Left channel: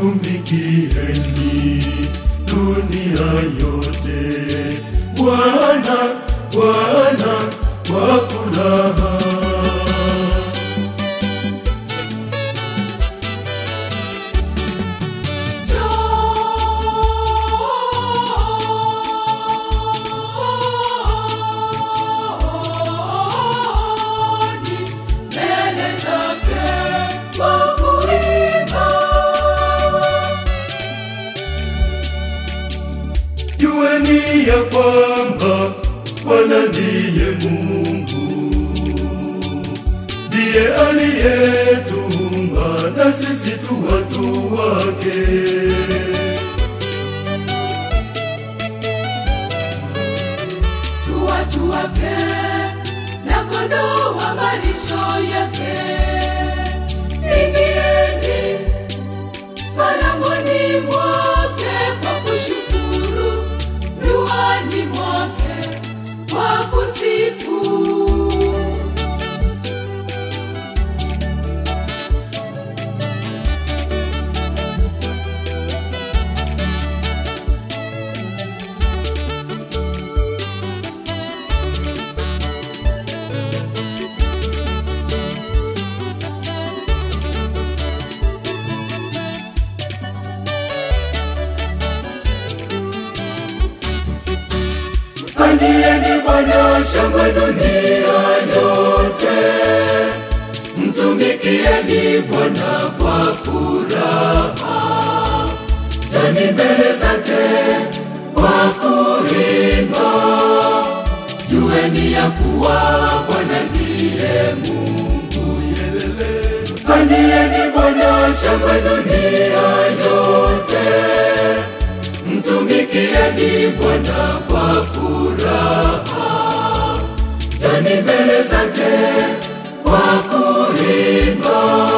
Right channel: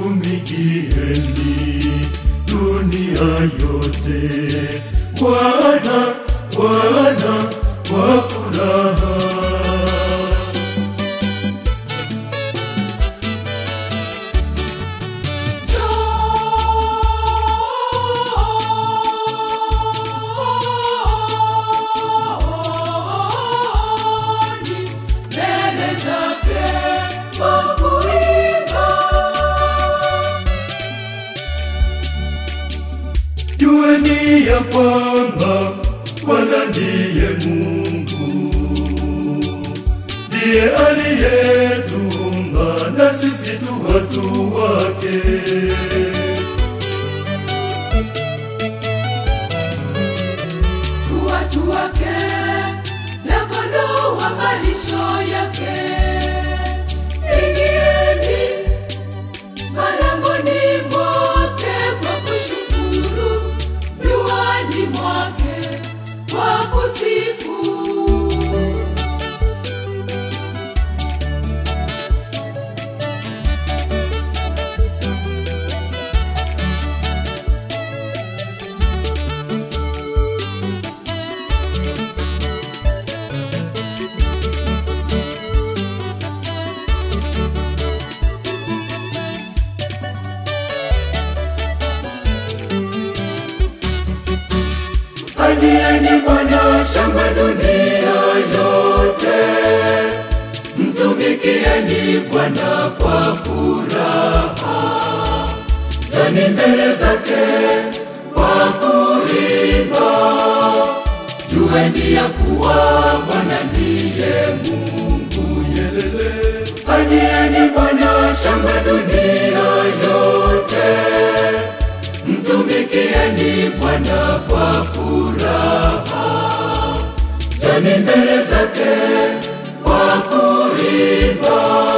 Mtumikieni dunia yote Bwana, Bwana kwa furaha. Jueni ya kwamba Bwana ndiye Mungu, ndiye aliyetuumba na sisi tu watu wake. Tu watu wake na kondoo wa malisho yake. Ingieni malangoni mwake kwa kushukuru, nyuani mwake kwa kusifu. Fanyieni Bwana shangwe dunia yote, mtumikieni Bwana kwa furaha. Jani mbele zake kwa kuimba, jueni ya kuwa Bwana ndiye Mungu. Fanyieni Bwana shangwe dunia yote, mtumikieni Bwana kwa furaha. Jani mbele zake kwa kuimba,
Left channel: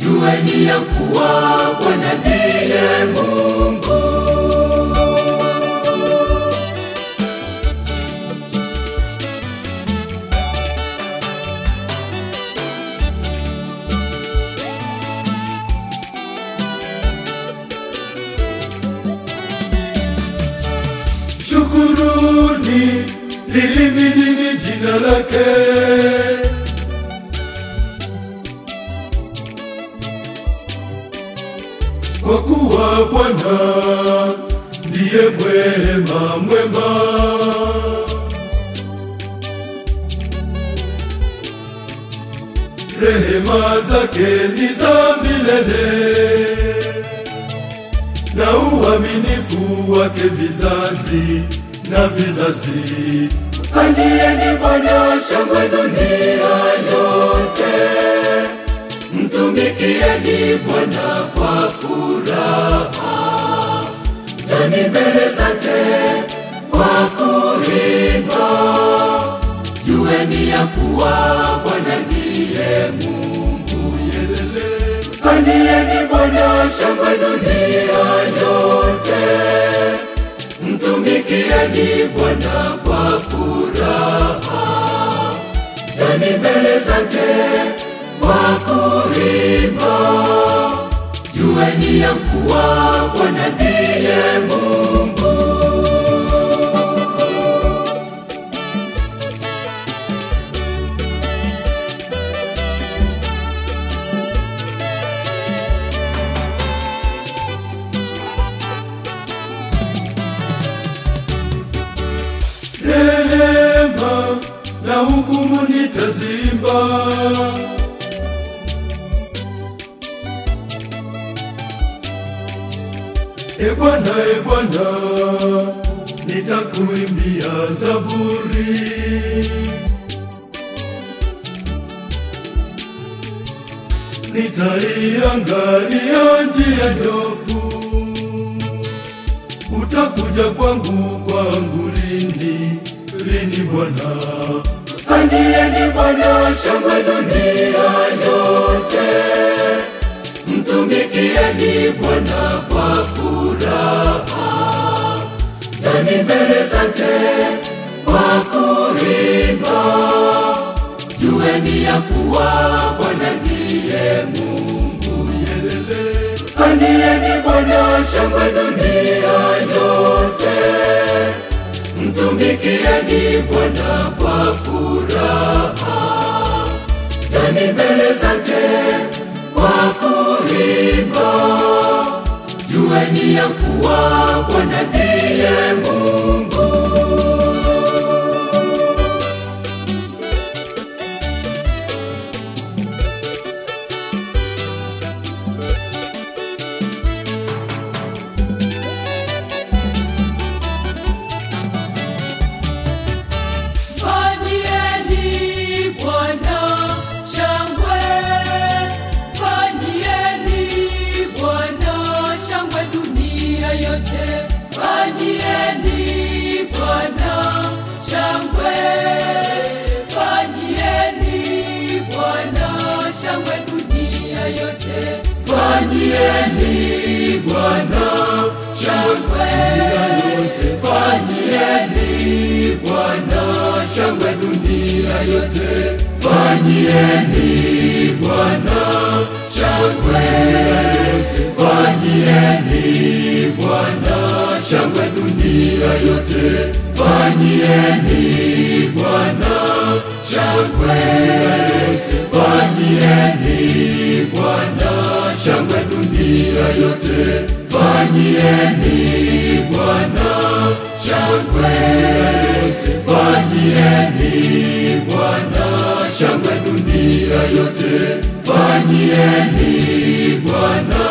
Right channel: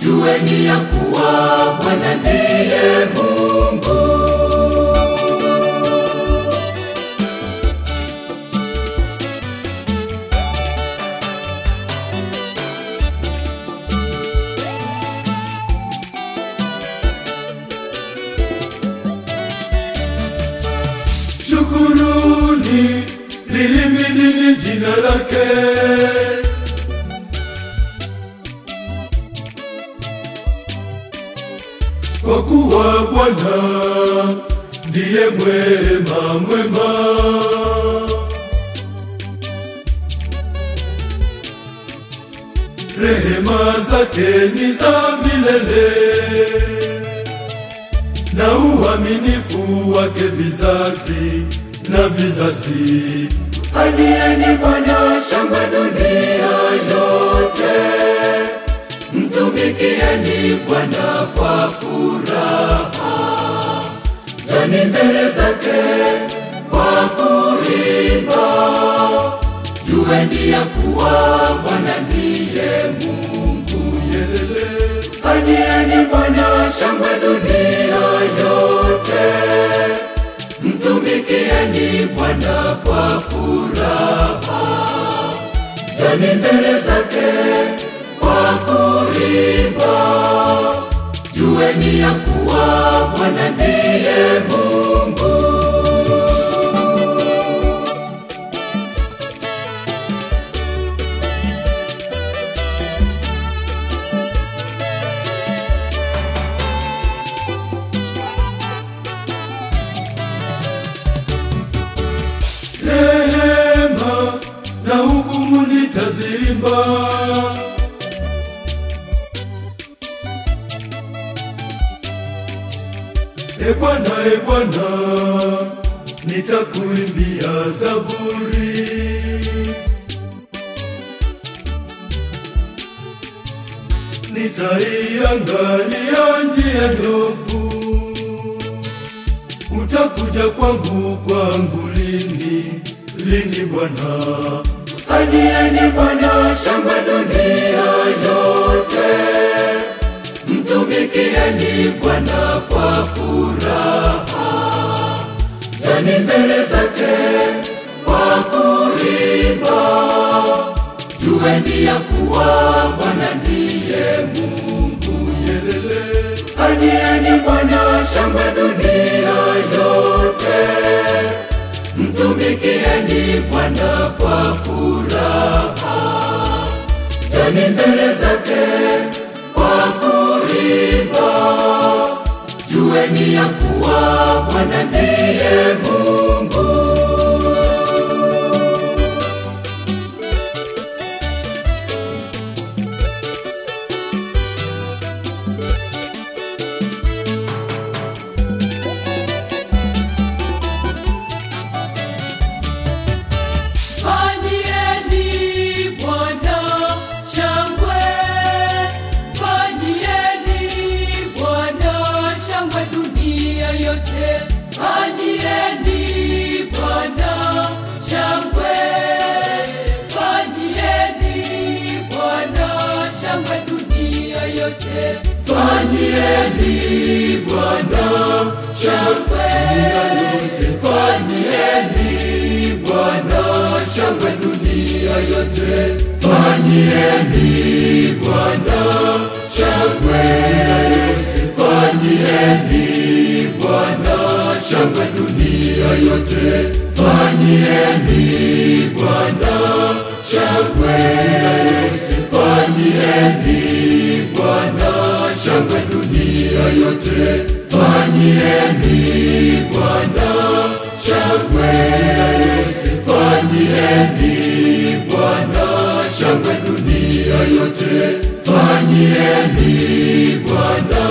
jueni ya kuwa Bwana ndiye Mungu. Shukuruni, lihimidini jina lake. Kwa kuwa Bwana ndiye mwema mwema, rehema zake ni za milele, na uaminifu wake vizazi na vizazi. Fanyieni Bwana shangwe dunia yote, mtumikieni Bwana kwa furaha. Jani mbele zake kwa kuimba, jueni ya kuwa Bwana ndiye Mungu. Fanyieni Bwana shangwe dunia yote, mtumikieni Bwana kwa furaha. Jani mbele zake kwa kuimba, jueni ya kuwa Bwana ndiye Mungu. Rehema na hukumu nitazimba, E Bwana, nitakuimbia zaburi. Nitaiangalia njia ndofu, utakuja kwangu lini, lini Bwana. Fanyieni Bwana shangwe dunia yote, mtumikieni Bwana kwa furaha. Jani mbele zake kwa kuimba, jueni ya kuwa Bwana ndiye Mungu. fanyieni Bwana shangwe dunia yote. Mtumikieni Bwana kwa furaha. Joni mbele zake kwa kuimba. Jueni ya kuwa Bwana ndiye Mungu. Fanyieni Bwana shangwe, fanyieni Bwana shangwe dunia yote. Fanyieni Bwana shangwe, fanyieni Bwana shangwe dunia yote. Fanyieni Bwana shangwe, fanyieni Bwana shangwe dunia yote. Fanyieni Bwana shangwe, fanyieni Bwana shangwe dunia yote. Fanyieni Bwana shangwe, fanyieni Bwana shangwe dunia yote. Fanyieni Bwana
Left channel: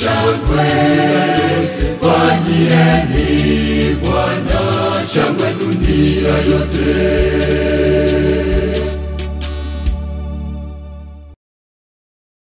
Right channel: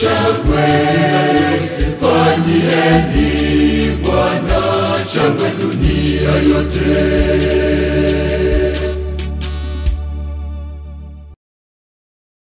shangwe, fanyieni Bwana shangwe dunia yote.